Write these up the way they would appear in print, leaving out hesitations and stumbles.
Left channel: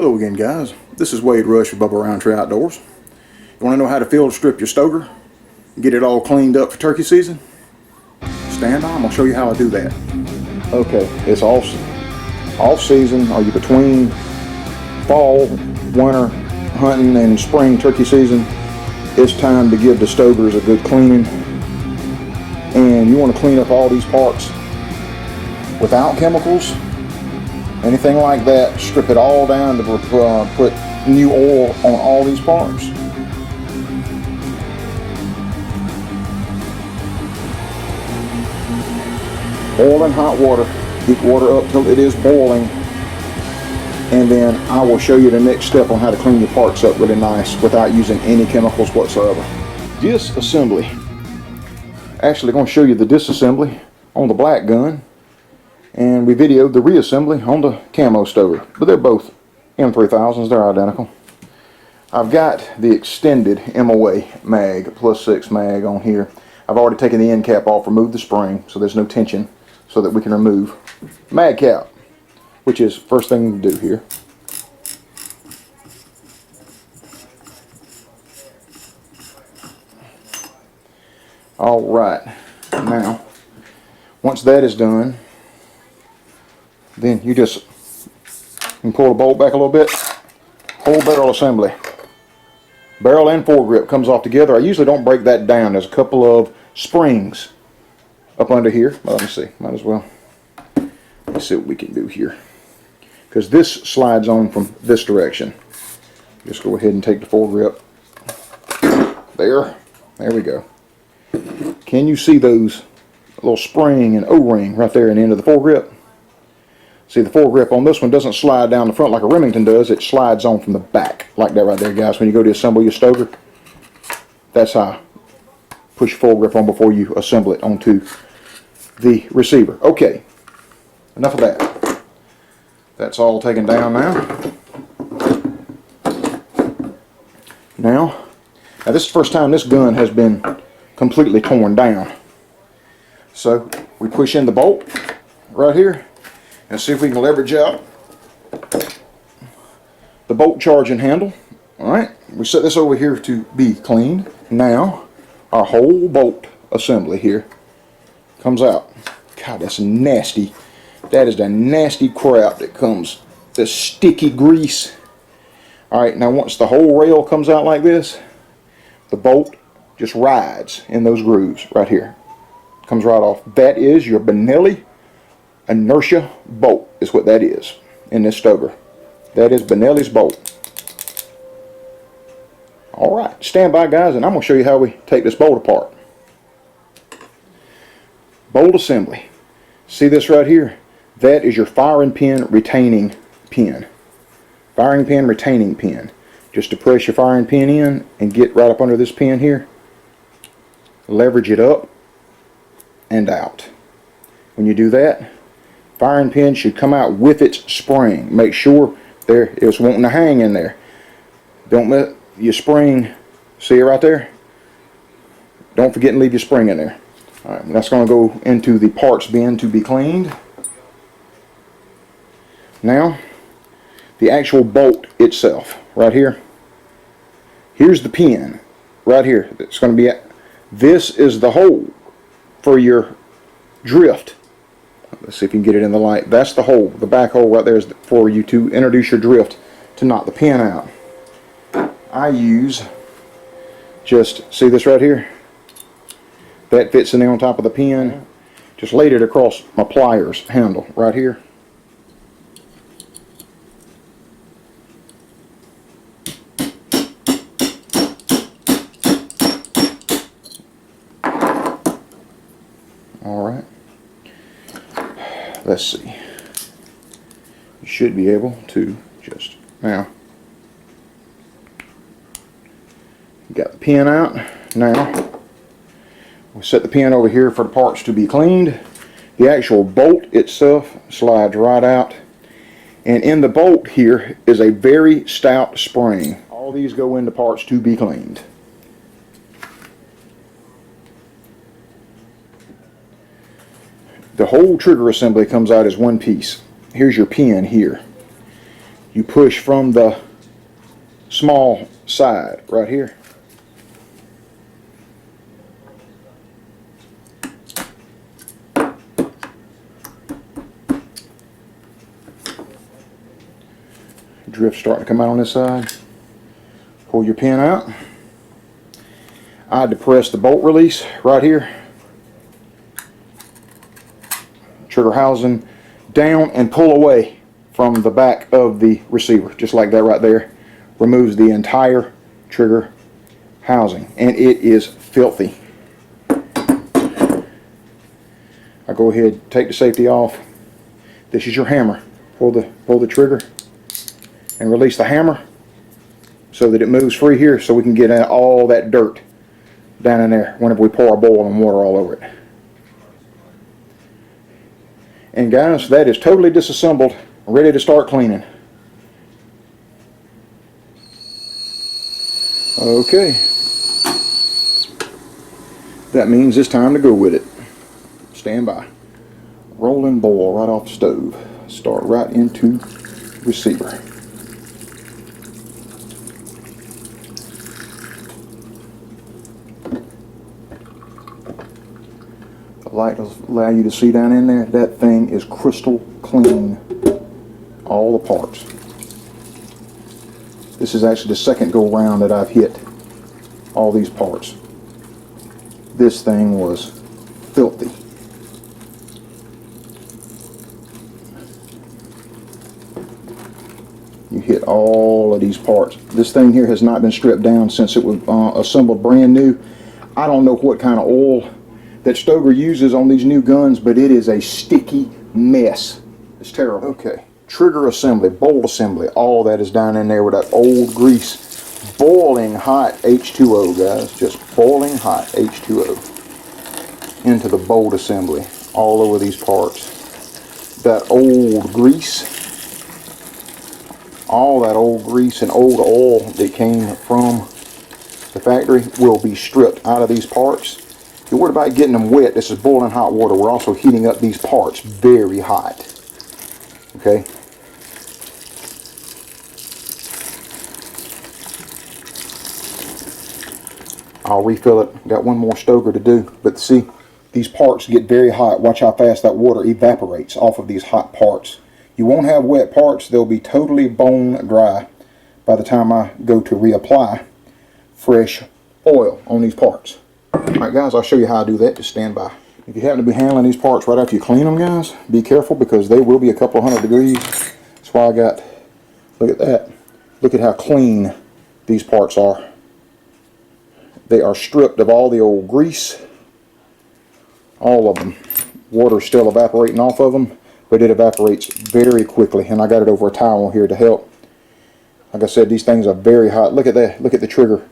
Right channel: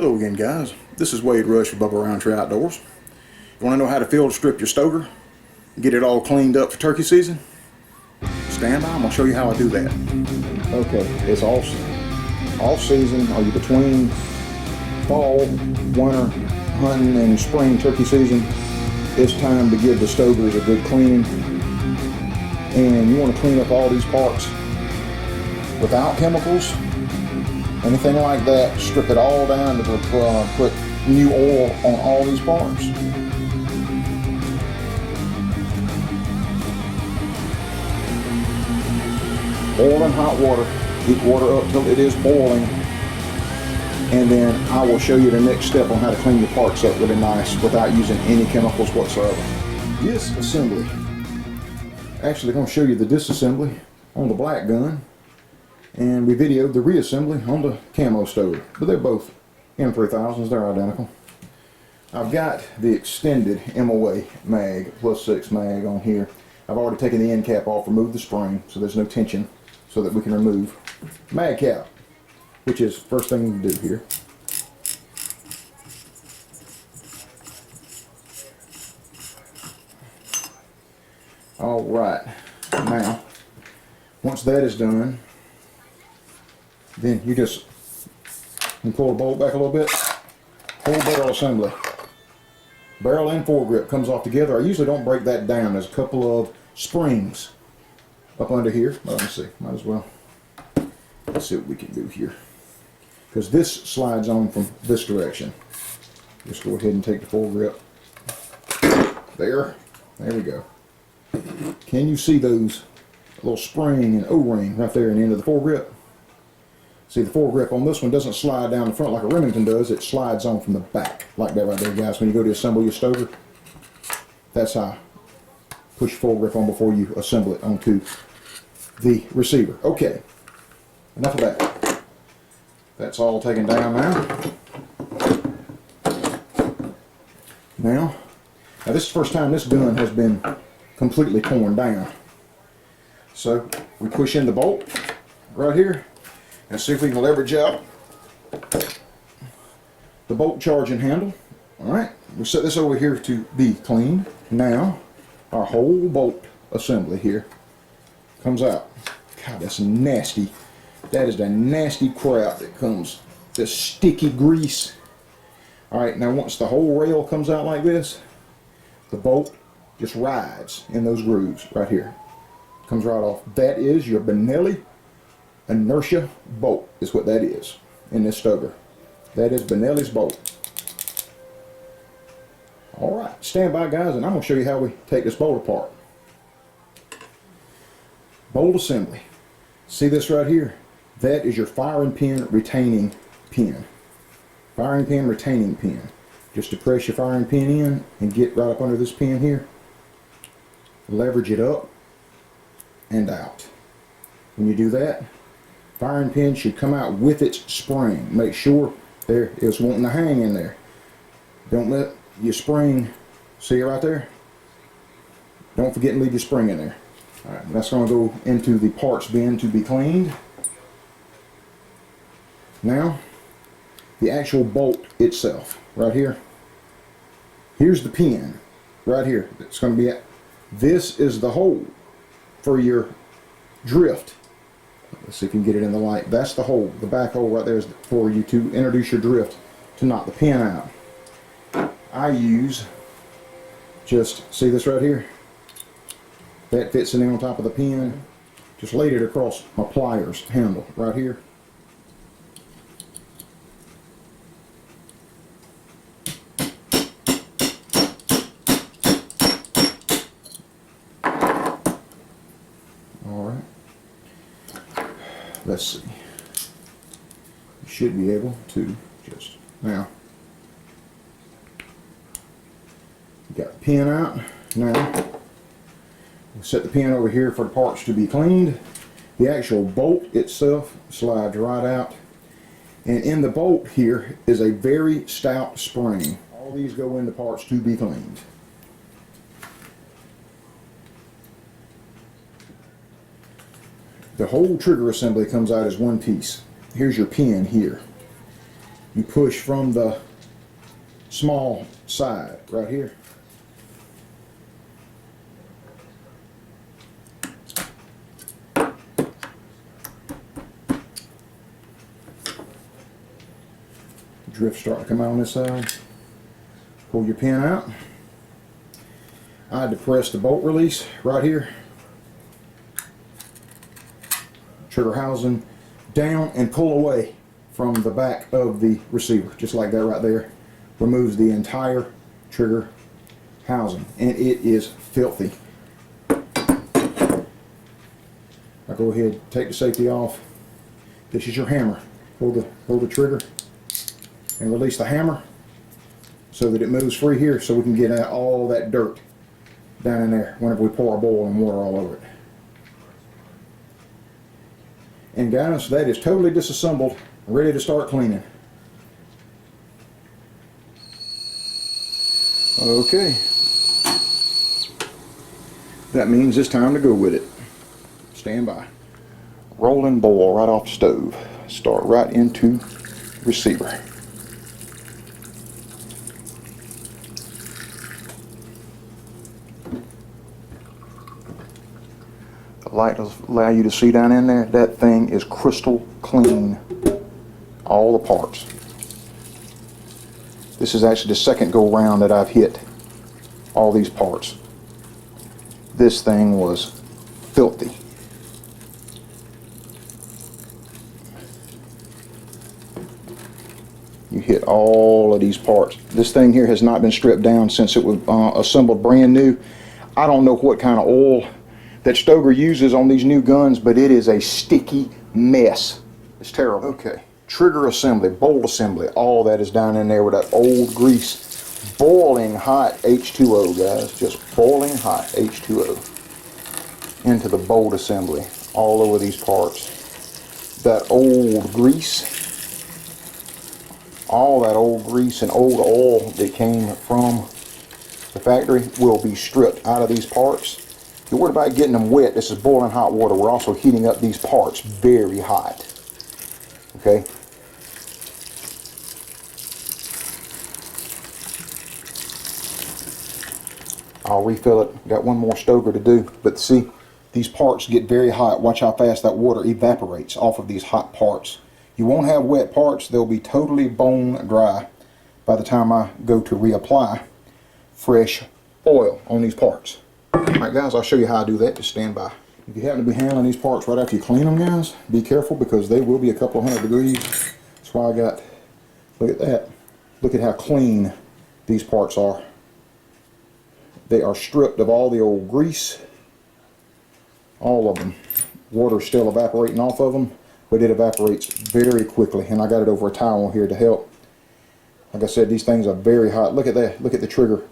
Hello again, guys. This is Wade Rush with Bubba Roundtree Outdoors. You want to know how to field strip your Stoeger and get it all cleaned up for turkey season? Stand by, I'm going to show you how I do that. Okay, it's off season. Are you between fall, winter hunting and spring turkey season? It's time to give the Stoegers a good cleaning. And you want to clean up all these parts without chemicals. Anything like that, strip it all down to put new oil on all these parts. Oil and hot water. Heat water up till it is boiling. And then I will show you the next step on how to clean your parts up really nice without using any chemicals whatsoever. Disassembly. Actually going to show you the disassembly on the black gun. And we videoed the reassembly on the camo Stoeger, but they're both M3000s, they're identical. I've got the extended MOA mag, +6 mag on here. I've already taken the end cap off, removed the spring, so there's no tension, so that we can remove mag cap, which is first thing to do here. Alright, now, once that is done, then you just can pull the bolt back a little bit. Whole barrel assembly. Barrel and foregrip comes off together. I usually don't break that down. There's a couple of springs up under here. But let me see. Might as well. Let's see what we can do here. Because this slides on from this direction. Just go ahead and take the foregrip. There. There we go. Can you see those little spring and O-ring right there in the end of the foregrip? See, the foregrip on this one doesn't slide down the front like a Remington does. It slides on from the back, like that right there, guys. When you go to assemble your Stoeger, that's how. Push your foregrip on before you assemble it onto the receiver. Okay, enough of that. That's all taken down now. Now this is the first time this gun has been completely torn down. So we push in the bolt right here. And see if we can leverage out the bolt charging handle. Alright, we set this over here to be cleaned. Now, our whole bolt assembly here comes out. God, that's nasty. That is the nasty crap that comes, the sticky grease. Alright, now once the whole rail comes out like this, the bolt just rides in those grooves right here. Comes right off. That is your Benelli inertia bolt is what that is in this Stoeger. That is Benelli's bolt. Alright, stand by, guys, and I'm going to show you how we take this bolt apart. Bolt assembly. See this right here? That is your firing pin retaining pin. Firing pin retaining pin. Just to press your firing pin in and get right up under this pin here. Leverage it up and out. When you do that, firing pin should come out with its spring. Make sure there is wanting to hang in there. Don't let your spring, see it right there? Don't forget to leave your spring in there. Alright, that's going to go into the parts bin to be cleaned. Now, the actual bolt itself, right here. Here's the pin, right here. It's going to be at. This is the hole for your drift. Let's see if you can get it in the light. That's the hole. The back hole right there is for you to introduce your drift to knock the pin out. I use just, see this right here? That fits in there on top of the pin. Just laid it across my pliers handle right here. Alright. Let's see. You should be able to just now. You got the pin out. Now we'll set the pin over here for the parts to be cleaned. The actual bolt itself slides right out, and in the bolt here is a very stout spring. All these go into parts to be cleaned. The whole trigger assembly comes out as one piece. Here's your pin here. you push from the small side right here. Drift starting to come out on this side. Pull your pin out. I had to press the bolt release right here. Trigger housing down and pull away from the back of the receiver, just like that right there. Removes the entire trigger housing, and it is filthy. I go ahead, take the safety off. This is your hammer. Pull the trigger and release the hammer so that it moves free here, so we can get all that dirt down in there whenever we pour our boiling water all over it. And guys, that is totally disassembled, ready to start cleaning. Okay, that means it's time to go with it. Stand by. Rolling boil right off the stove. Start right into receiver. The light does allow you to see down in there. That thing is crystal clean. All the parts. This is actually the second go round that I've hit all these parts. This thing was filthy. You hit all of these parts. This thing here has not been stripped down since it was assembled brand new. I don't know what kind of oil that Stoeger uses on these new guns, but it is a sticky mess. It's terrible. Okay, trigger assembly, bolt assembly, all that is down in there with that old grease. Boiling hot H2O, guys, just boiling hot H2O into the bolt assembly all over these parts. That old grease, all that old grease and old oil that came from the factory will be stripped out of these parts. If you're worried about getting them wet, this is boiling hot water. We're also heating up these parts very hot. Okay? I'll refill it. Got one more Stoeger to do. But see, these parts get very hot. Watch how fast that water evaporates off of these hot parts. You won't have wet parts. They'll be totally bone dry by the time I go to reapply fresh oil on these parts. Alright guys, I'll show you how I do that. Just stand by. If you happen to be handling these parts right after you clean them, guys, be careful because they will be a couple of 100 degrees. That's why I got, look at that. Look at how clean these parts are. They are stripped of all the old grease. All of them. Water's still evaporating off of them, but it evaporates very quickly. And I got it over a towel here to help. Like I said, these things are very hot. Look at that. Look at the trigger.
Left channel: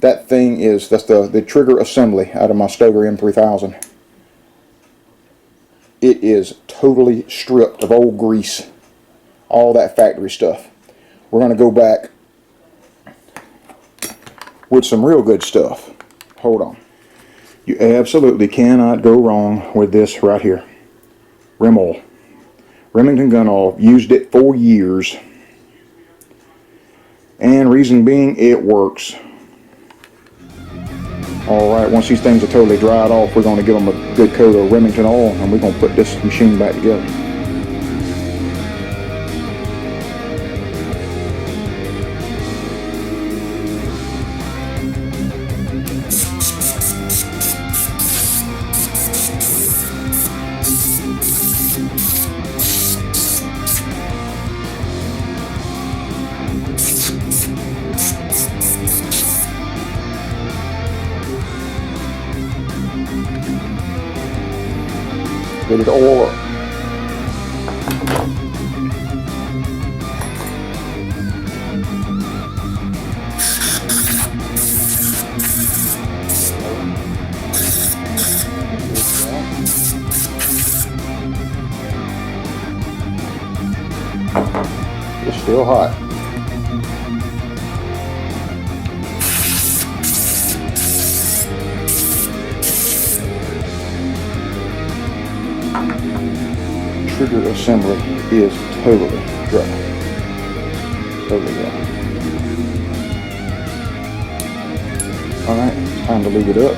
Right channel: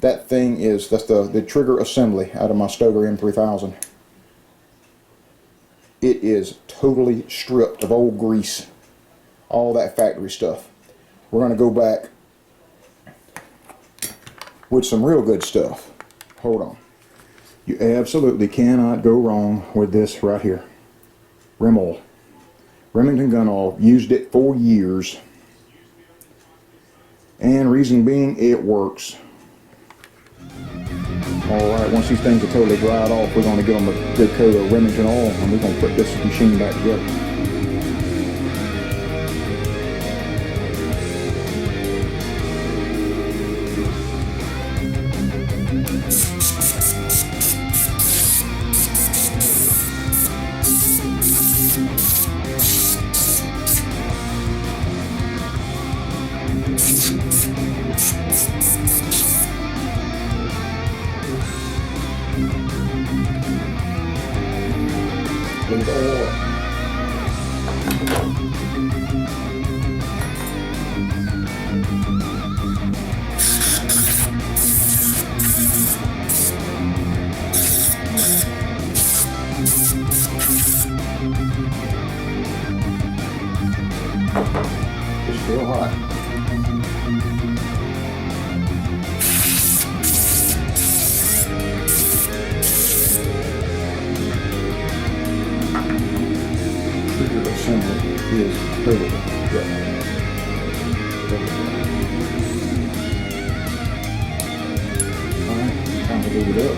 That thing is, that's the trigger assembly out of my Stoeger M3000. It is totally stripped of old grease. All that factory stuff. We're going to go back with some real good stuff. Hold on. You absolutely cannot go wrong with this right here. Rim oil. Remington gun oil. Used it for years. And reason being, it works. Alright, once these things are totally dried off, we're going to give them a good coat of Remington oil, and we're going to put this machine back together. Get it all up. It's still hot. Trigger assembly is totally dry. There we go. Alright, time to lube it up.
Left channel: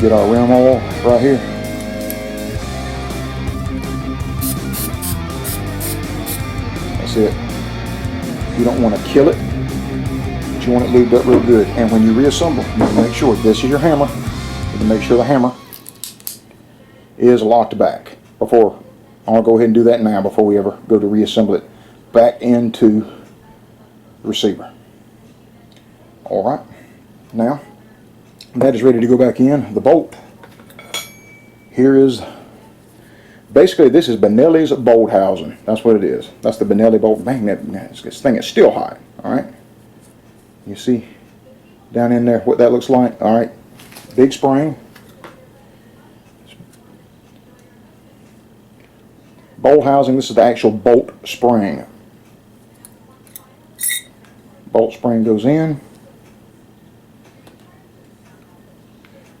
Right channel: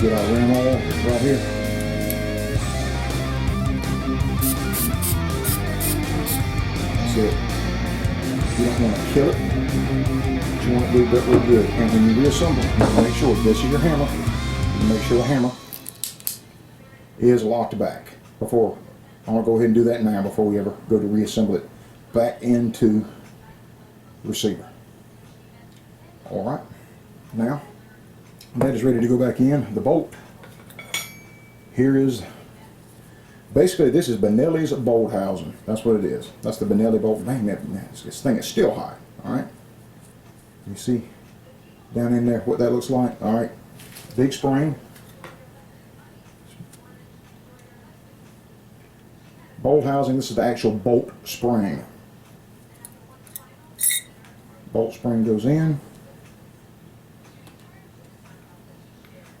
Get our rim oil right here. That's it. You don't want to kill it, but you want it lubed up real good. And when you reassemble, you need to make sure this is your hammer. You need to make sure the hammer is locked back. Before, I'll go ahead and do that now before we ever go to reassemble it back into the receiver. Alright, now that is ready to go back in. The bolt, here is, basically this is Benelli's bolt housing. That's what it is. That's the Benelli bolt. Bang, this thing is still hot. Alright, you see down in there what that looks like. Alright, big spring. Bolt housing, this is the actual bolt spring. Bolt spring goes in.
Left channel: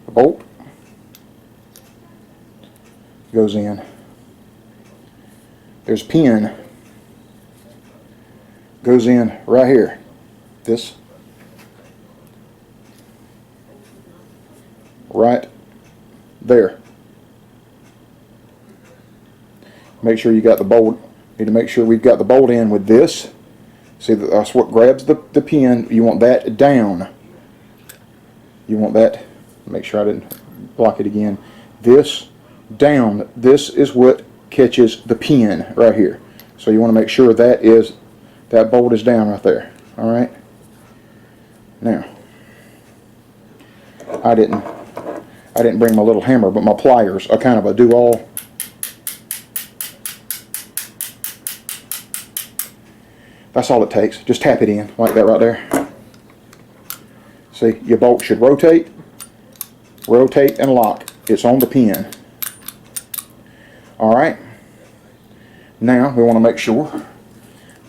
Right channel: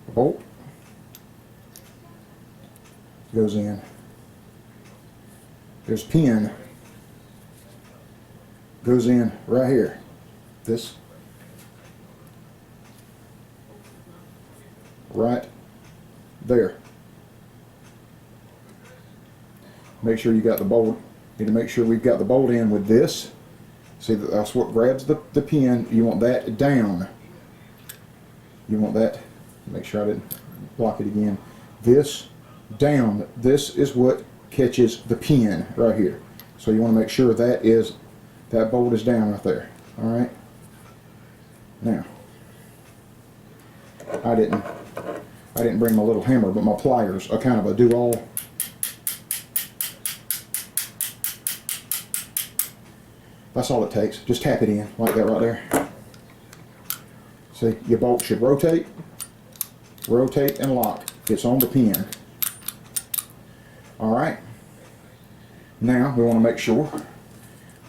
The bolt goes in. There's pin. Goes in right here. This. Right there. Make sure you got the bolt. Need to make sure we've got the bolt in with this. See, that's what grabs the pin. You want that down. You want that. Make sure I didn't block it again. This down. This is what catches the pin right here. So you want to make sure that bolt is down right there. All right. Now, I didn't bring my little hammer, but my pliers are kind of a do-all. That's all it takes. Just tap it in like that right there. See, your bolt should rotate, and lock. It's on the pin. Alright. Now we want to make sure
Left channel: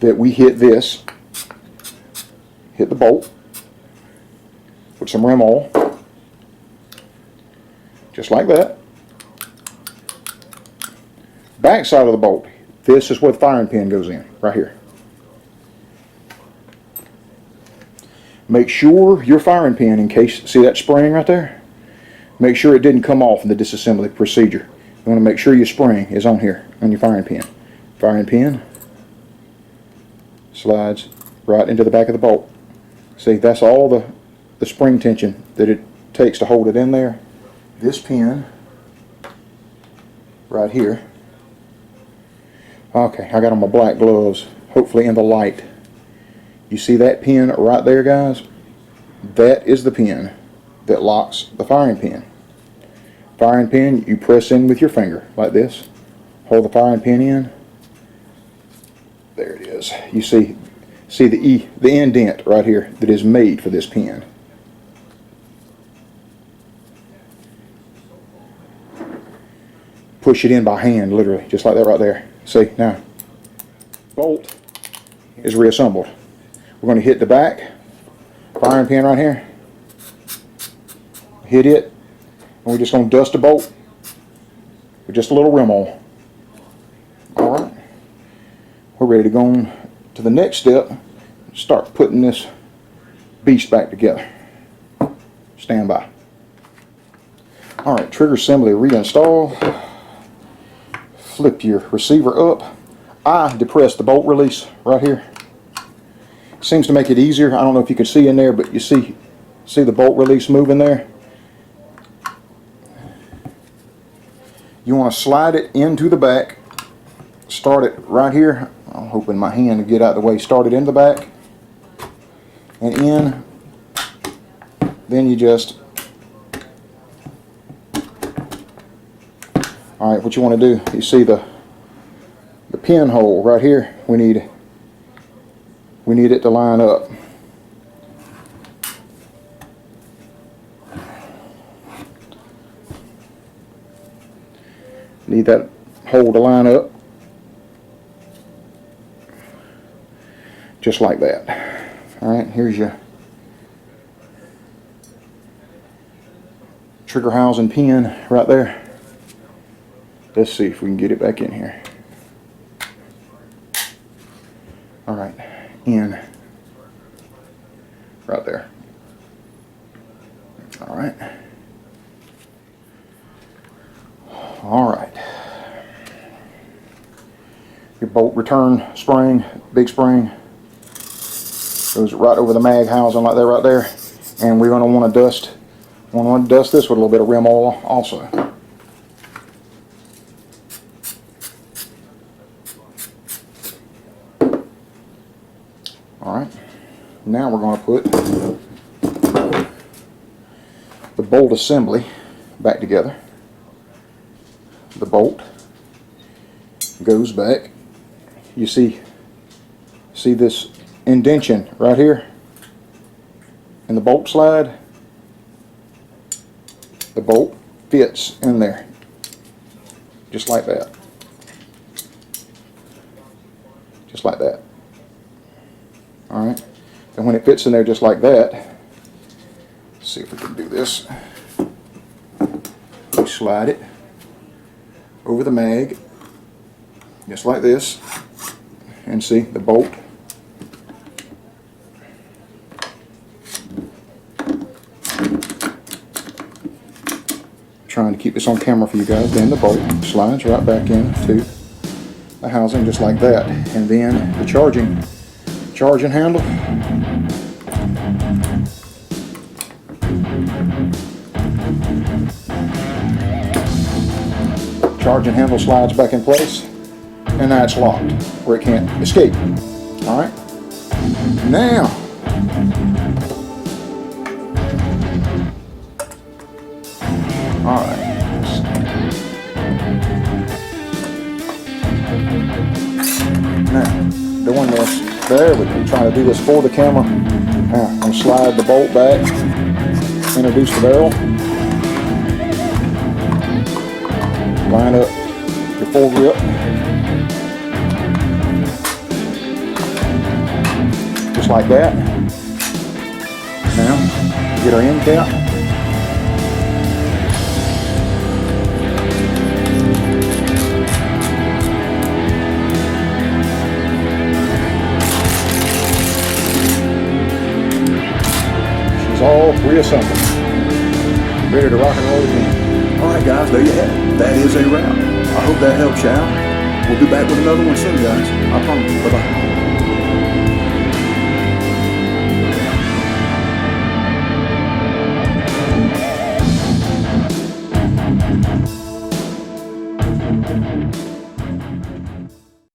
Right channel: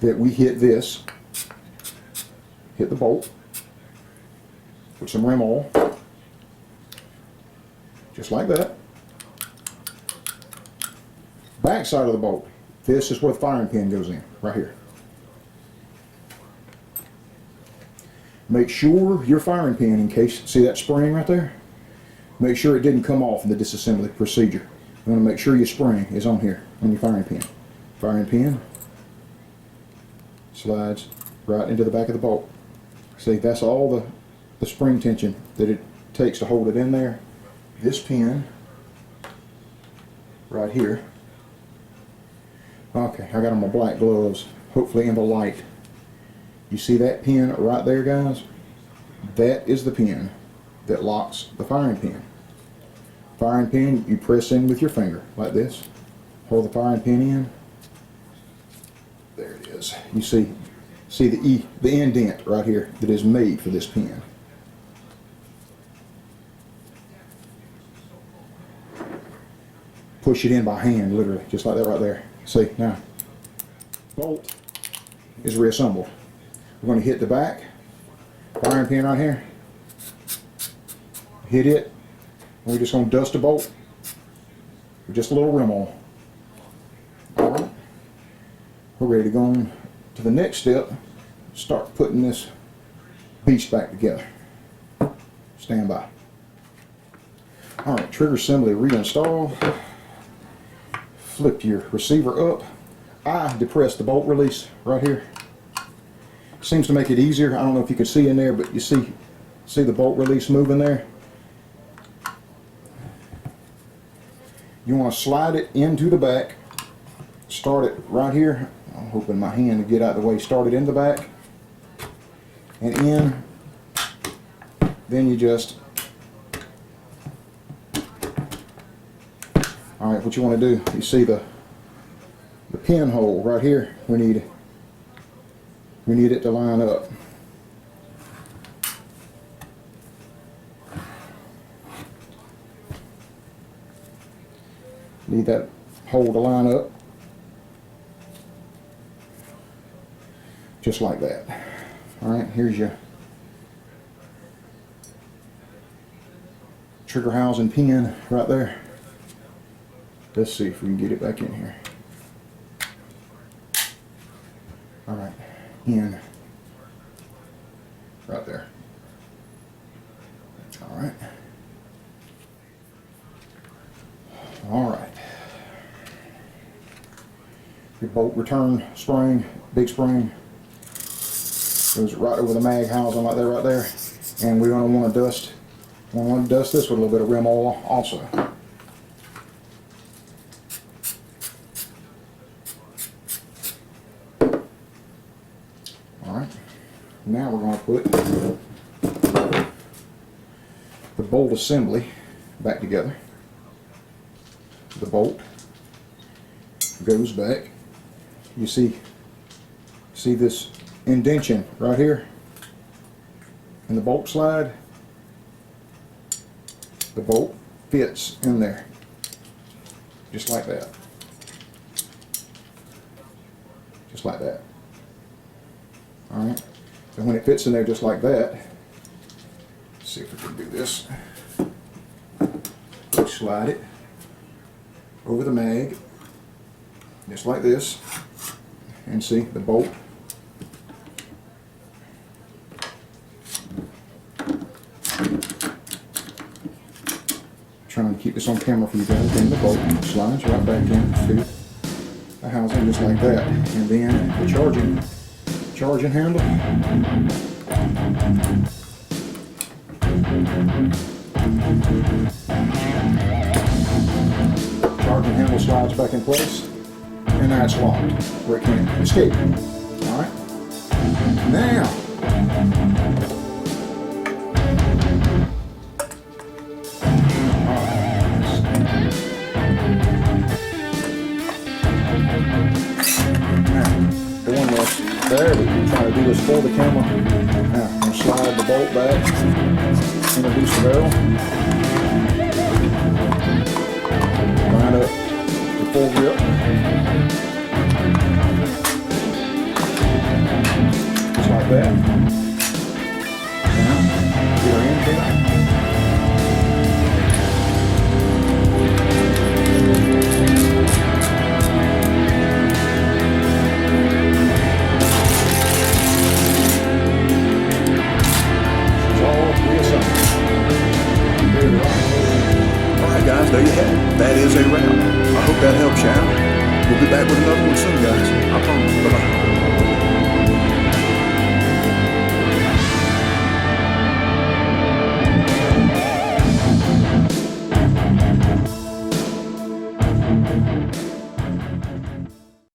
that we hit this. Hit the bolt with some rim oil. Just like that. Back side of the bolt. This is where the firing pin goes in. Right here. Make sure your firing pin, in case, see that spring right there? Make sure it didn't come off in the disassembly procedure. You want to make sure your spring is on here, on your firing pin. Firing pin slides right into the back of the bolt. See, that's all the spring tension that it takes to hold it in there. This pin right here. Okay, I got on my black gloves, hopefully in the light. You see that pin right there, guys? That is the pin that locks the firing pin. Firing pin, you press in with your finger like this. Hold the firing pin in. There it is. You see the indent right here that is made for this pin. Push it in by hand, literally, just like that right there. See, now, bolt is reassembled. We're going to hit the back firing pin right here. Hit it, and we're just going to dust the bolt with just a little rim oil. Alright, we're ready to go on to the next step. Start putting this beast back together. Stand by. Alright, trigger assembly reinstall. Flip your receiver up. I depress the bolt release right here. Seems to make it easier. I don't know if you can see in there, but you see the bolt release moving there. You want to slide it into the back. Start it right here. I'm hoping my hand to get out of the way. Start it in the back and in. Then you just. All right, what you want to do? You see the pinhole right here. We need it to line up. Need that hole to line up. Just like that. Alright, here's your trigger housing pin right there. Let's see if we can get it back in here. All right, in right there. All right. All right. Your bolt return spring, big spring, goes right over the mag housing like that right there. And we're going to want to dust this with a little bit of rim oil also. All right. Now we're going to put the bolt assembly back together. The bolt goes back. You see this indentation right here in the bolt slide? The bolt fits in there just like that. Just like that. All right. And when it fits in there just like that, let's see if we can do this. We slide it over the mag just like this, and see the bolt trying to keep this on camera for you guys. Then the bolt slides right back into the housing just like that, and then the charging handle slides back in place, and now it's locked where it can't escape. All right, now all right, now doing this, there we go, trying to do this for the camera. Now I'm going to slide the bolt back, introduce the barrel, line up your full grip, just like that. Now get our end cap, she's all reassembled, ready to rock and roll again. Alright guys, there you have it. That is a wrap. I hope that helps you out. We'll be back with another one soon guys. I promise. Bye bye.